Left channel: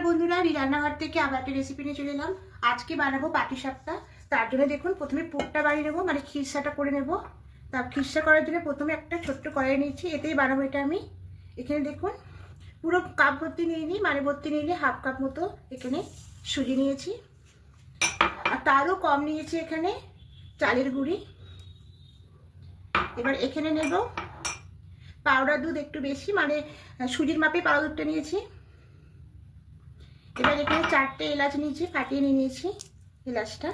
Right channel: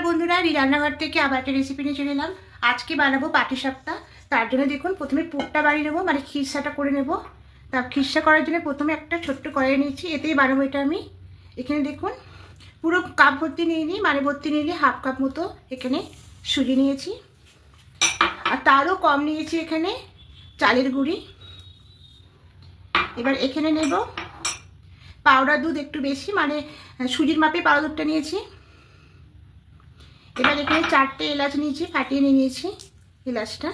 नमस्कार बंधुरा रान्नाघर থেকে আবার একটা রেসিপি নিয়ে চলে এলাম। আজকে বানাবো পাটিসাপটা। তার জন্য দেখুন প্রথমে পুরটা বানিয়ে নেব, মানে খিরসাটা করে নেব। তার খিরসা করার জন্য প্রথমে একটা ছোট্ট কড়াই নিয়েছি, এতেই বানাবো এটা আমি। এখানে দেখুন পুরো কাপ ভর্তি নিয়ে নিই, মানে ভর্তি নিয়ে নিয়ে হাফ কাপ মতো এখানে সুজি নিয়েছি, আর তারও কম নিয়েছি এখানে চালের গুঁড়ি। এবার এখানে নেব পাউডার দুধ, একটু বেশি, মানে সুজির মাপে পাউডার দুধটা নিয়েছি। এবার এখানে 4টে এলাচ নিয়েছি, ফাটিয়ে নিয়েছি এলাচটা।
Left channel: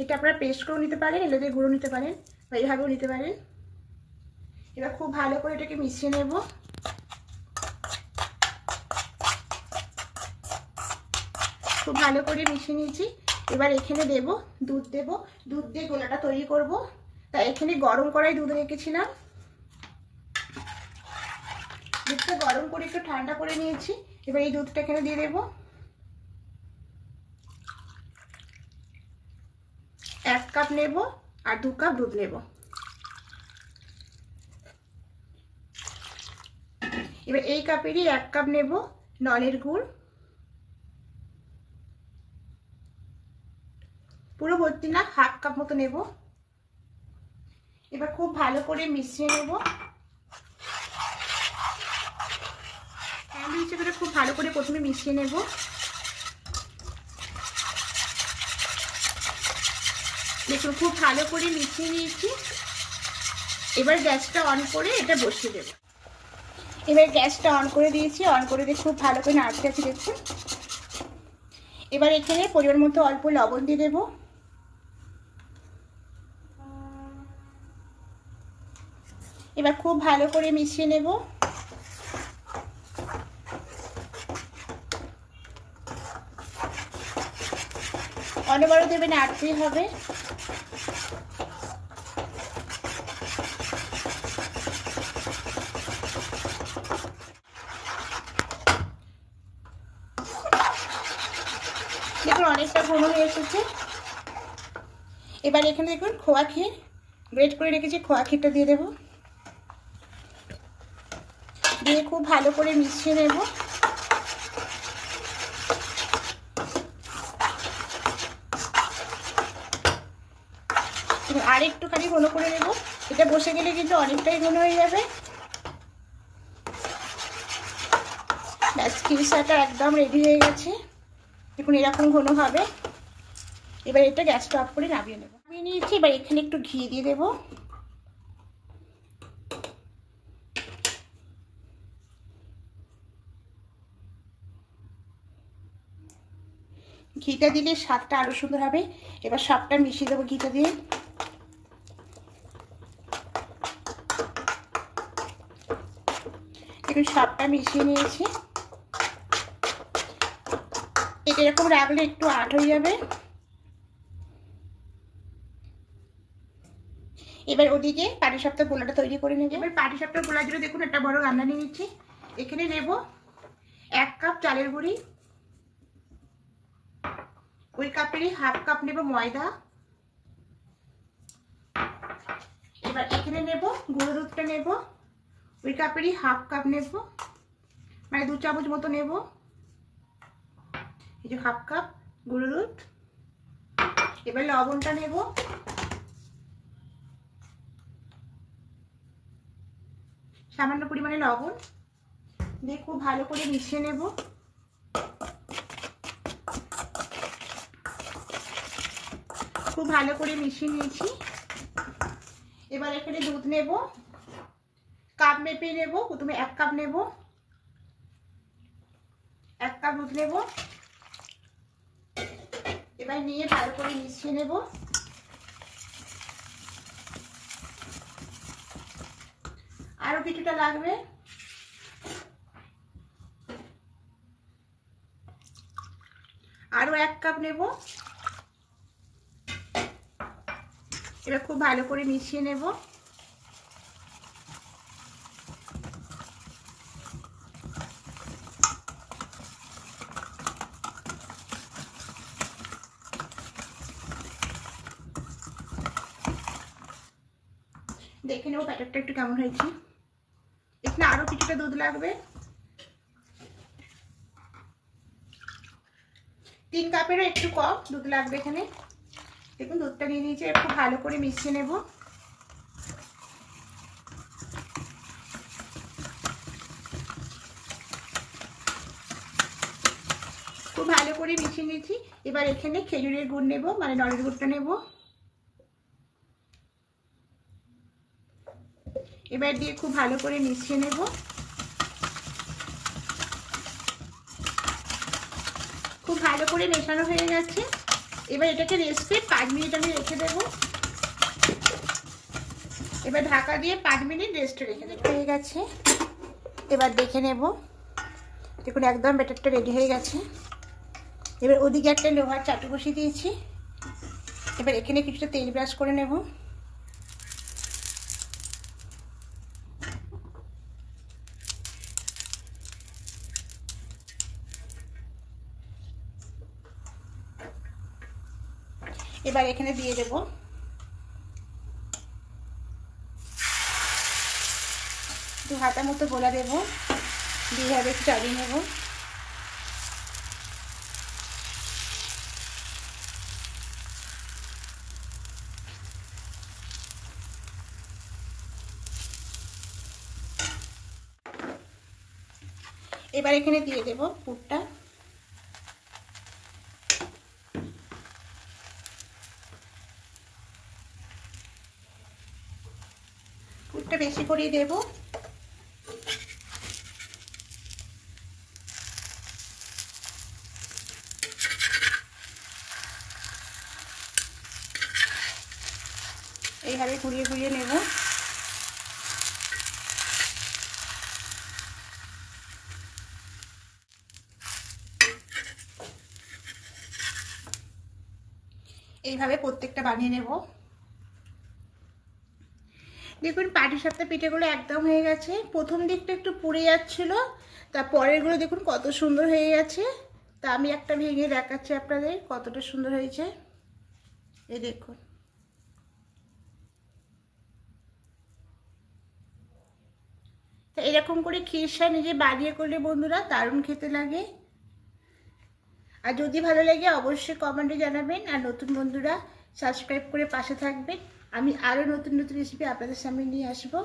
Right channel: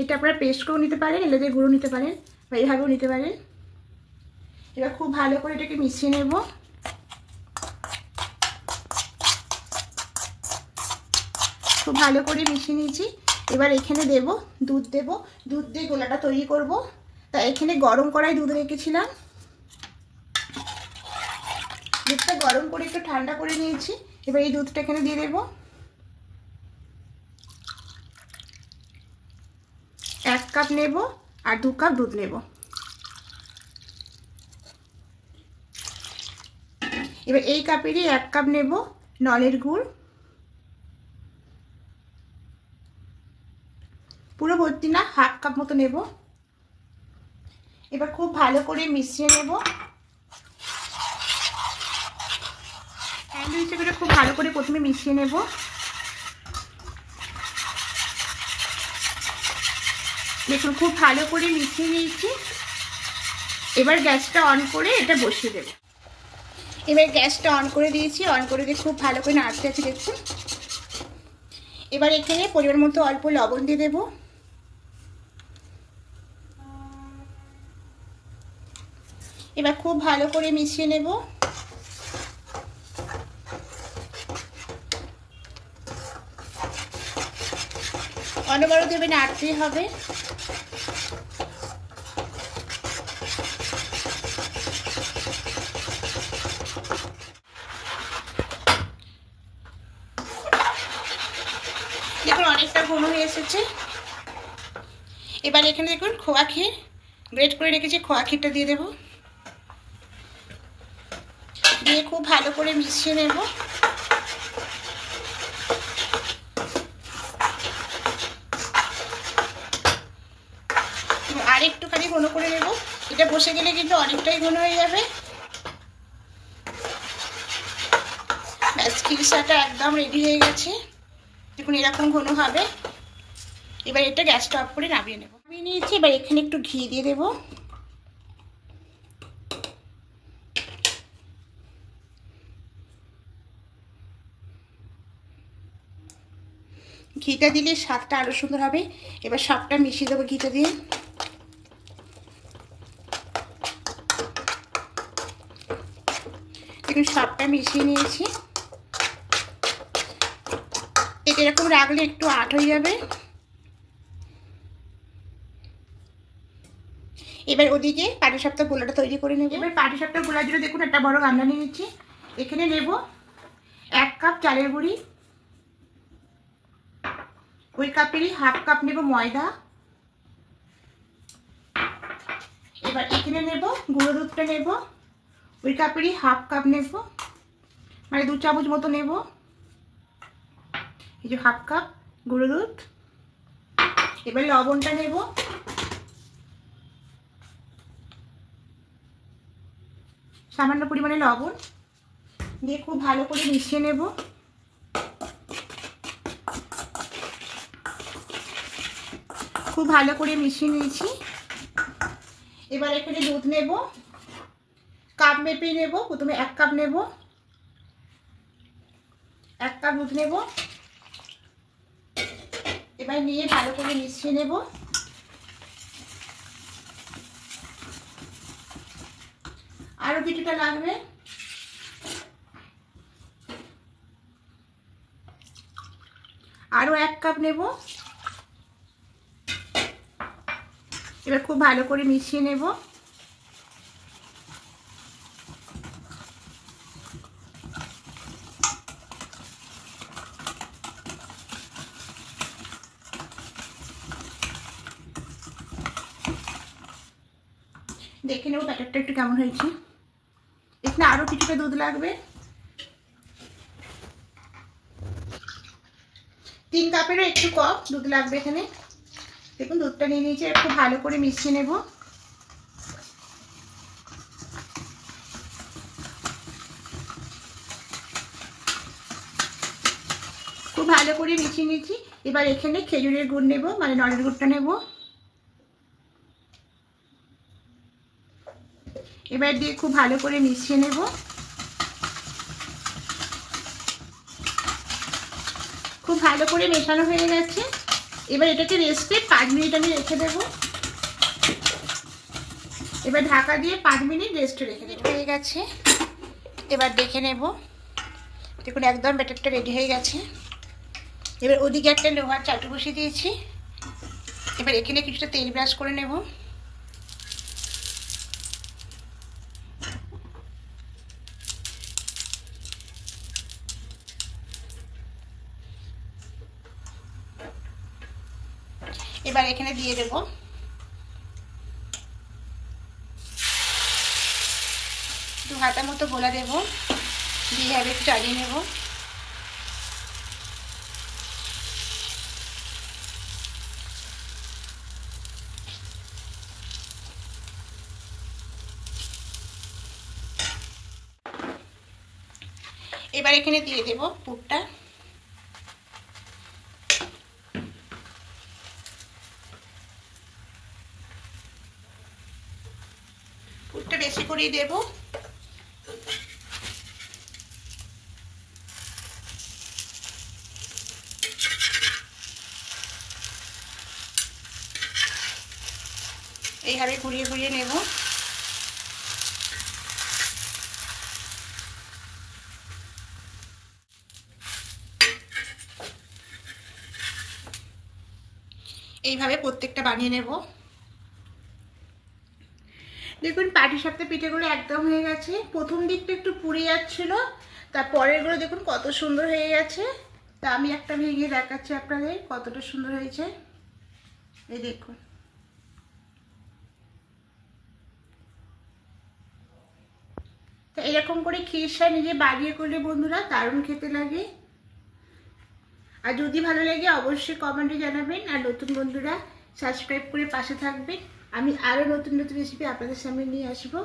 এটা আপনারা পেস্ট করে নিতে পারেন, এলাচের গুঁড়ো নিতে পারেন, বা এইভাবেও নিতে পারেন। এবার খুব ভালো করে এটাকে মিশিয়ে নেব। খুব ভালো করে মিশিয়ে নিয়েছি। এবার এখানে দেব দুধ, দুধ দিয়ে গোলাটা তৈরি করব। তাই এখানে গরম কড়াই দুধ রেখেছিলাম, দুধটা গরম করে একটু ঠান্ডা করে নিয়েছি। এবার এই দুধটা এখানে দিয়ে দেবো। 1 কাপ নেব আর 2 কাপ দুধ নেব। এবার এই কাপেরই 1 কাপ নেব নলের গুড়, পুরো ভর্তি না, হাফ কাপ মতো নেব। এবার খুব ভালো করে মিশিয়ে নেব। হ্যান্ড উইচে করে খুব ভালো করে প্রথমে মিশিয়ে নেব। দেখুন খুব ভালো করে মিশিয়ে নিয়েছি। এবার গ্যাসটা অন করে এটা বসিয়ে দেব। এবার গ্যাসটা অন করে দিয়েছি, অন করে দিয়ে খুব ভালো করে নাড়তে আছে দেখুন। এবার এখানে পরিমাণ মতো অল্প লবণ দিয়ে দেব। এবার খুব ভালো করে মিশিয়ে নেব। অনবরত দেবে, নাড়তে হবে। দেখুন অনেকটা ঘন হয়ে এসেছে। এবার এখানে দেখুন খোয়া ক্ষীর গ্রেট করে রেখেছি, খোয়া ক্ষীরটা দিয়ে দেব। দিয়ে খুব ভালো করে মিশিয়ে নেব। আর একটুখানি ঘন করে নেব, এটা বসে গেলে কিন্তু অনেকটাই ঘন হয়ে যাবে। ব্যাস, খিরসাটা একদম রেডি হয়ে গেছে। দেখুন এরকম ঘন হবে। এবার এটা গ্যাসটা অফ করে নামিয়ে নেব। নামিয়ে নিয়েছি, এবার এখানে একটু ঘি দিয়ে দেব। ঘিটা দিলে স্বাদটা আরো সুন্দর হবে। এবার সবটা মিশিয়ে দেবো ঘিটা দিয়ে। দেখুন সবটা মিশিয়ে নিয়েছি। এটা এরকম রাখলে একটু আট হয়ে যাবে। এবার ওদিকে পাটিসাপটা গোলাটা তৈরি করে নেব। এবার পাটিসাপটা গোলার জন্য দেখুন একটা বড় গামলা নিয়ে নিচ্ছি। এখানে নেব 1 কাপ চালের গুঁড়ি, ওই কাপেরই হাফ কাপ নেব ময়দা। এবার এখানে নেব গুঁড়ো দুধটা, নেব ওই কাপেরই হাফ কাপ নেব, মানে 2 চামচ মতো নেব। এই যে হাফ কাপ গুঁড়ো দুধ। এবার লবণটা নেব, সামান্য পরিমাণে লবণ দিয়ে খুব ভালো করে মিশিয়ে নেব। খুব ভালো করে মিশিয়ে নিয়েছি। এবার এখানে দুধ নেব, কাপ মেপে নেব। প্রথমে 1 কাপ নেব, 1 কাপ দুধ নেব। এবার নিয়ে ভালো করে মিশিয়ে নেব। আরো কিছুটা লাগবে। আরো 1 কাপ নেব। এবার খুব ভালো করে মিশিয়ে নেব। দেখে নেব ব্যাটারটা একটু কেমন হয়েছে। এখানে আরো কিছুটা দুধ লাগবে। 3 কাপেরও একটু কম দুধ লাগবে এখানে। দেখুন দুধটা নিয়ে নিয়েছি, একটু ভালো করে মিশিয়ে নেব। খুব ভালো করে মিশিয়ে নিয়েছি। এবার এখানে খেজুরের গুড় নেব, মানে নলের গুড়টা নেব। এবার দিয়ে খুব ভালো করে মিশিয়ে নেব। খুব ভালো করে মেশানো হয়ে গেছে। এবার এটাকে রেস্টে 5 মিনিট আমি রেখে দেব। এবার ঢাকা দিয়ে 5 মিনিট রেস্টে রেখে দেব। হয়ে গেছে, এবার দেখে নেব। দেখুন একদম ব্যাটারটা রেডি হয়ে গেছে। এবার ওদিকে একটা লোহার চাটু বসিয়ে দিয়েছি। এবার এখানে কিছুটা তেল ব্রাশ করে নেব। এবার এখানে দিয়ে দেব। দু হাতা মতো গোলা দেব, দিয়ে একটু চালিয়ে নেব। এবার এখানে দিয়ে দেব পুরটা। পুরটা বেশি করেই দেব। এইভাবে ঘুরিয়ে ঘুরিয়ে নেব। এইভাবে প্রত্যেকটা বানিয়ে নেব। দেখুন পাটিসাপটা পিঠেগুলো একদম হয়ে গেছে। প্রথম দিকটা একটু পুড়ে যাচ্ছিল, তারপরেরগুলো দেখুন কত সুন্দর হয়ে গেছে। তা আমি একটা ভেঙে দেখাচ্ছি আপনাদের কতটা সুন্দর হয়েছে। এই দেখুন, তা এরকম করে খিরসা নিজে বানিয়ে করলে বন্ধুরা দারুণ খেতে লাগে। আর যদি ভালো লাগে অবশ্যই কমেন্টে জানাবেন। আর নতুন বন্ধুরা সাবস্ক্রাইব করে পাশে থাকবেন। আমি আরও নতুন নতুন রেসিপি আপনাদের সামনে নিয়ে আসবো।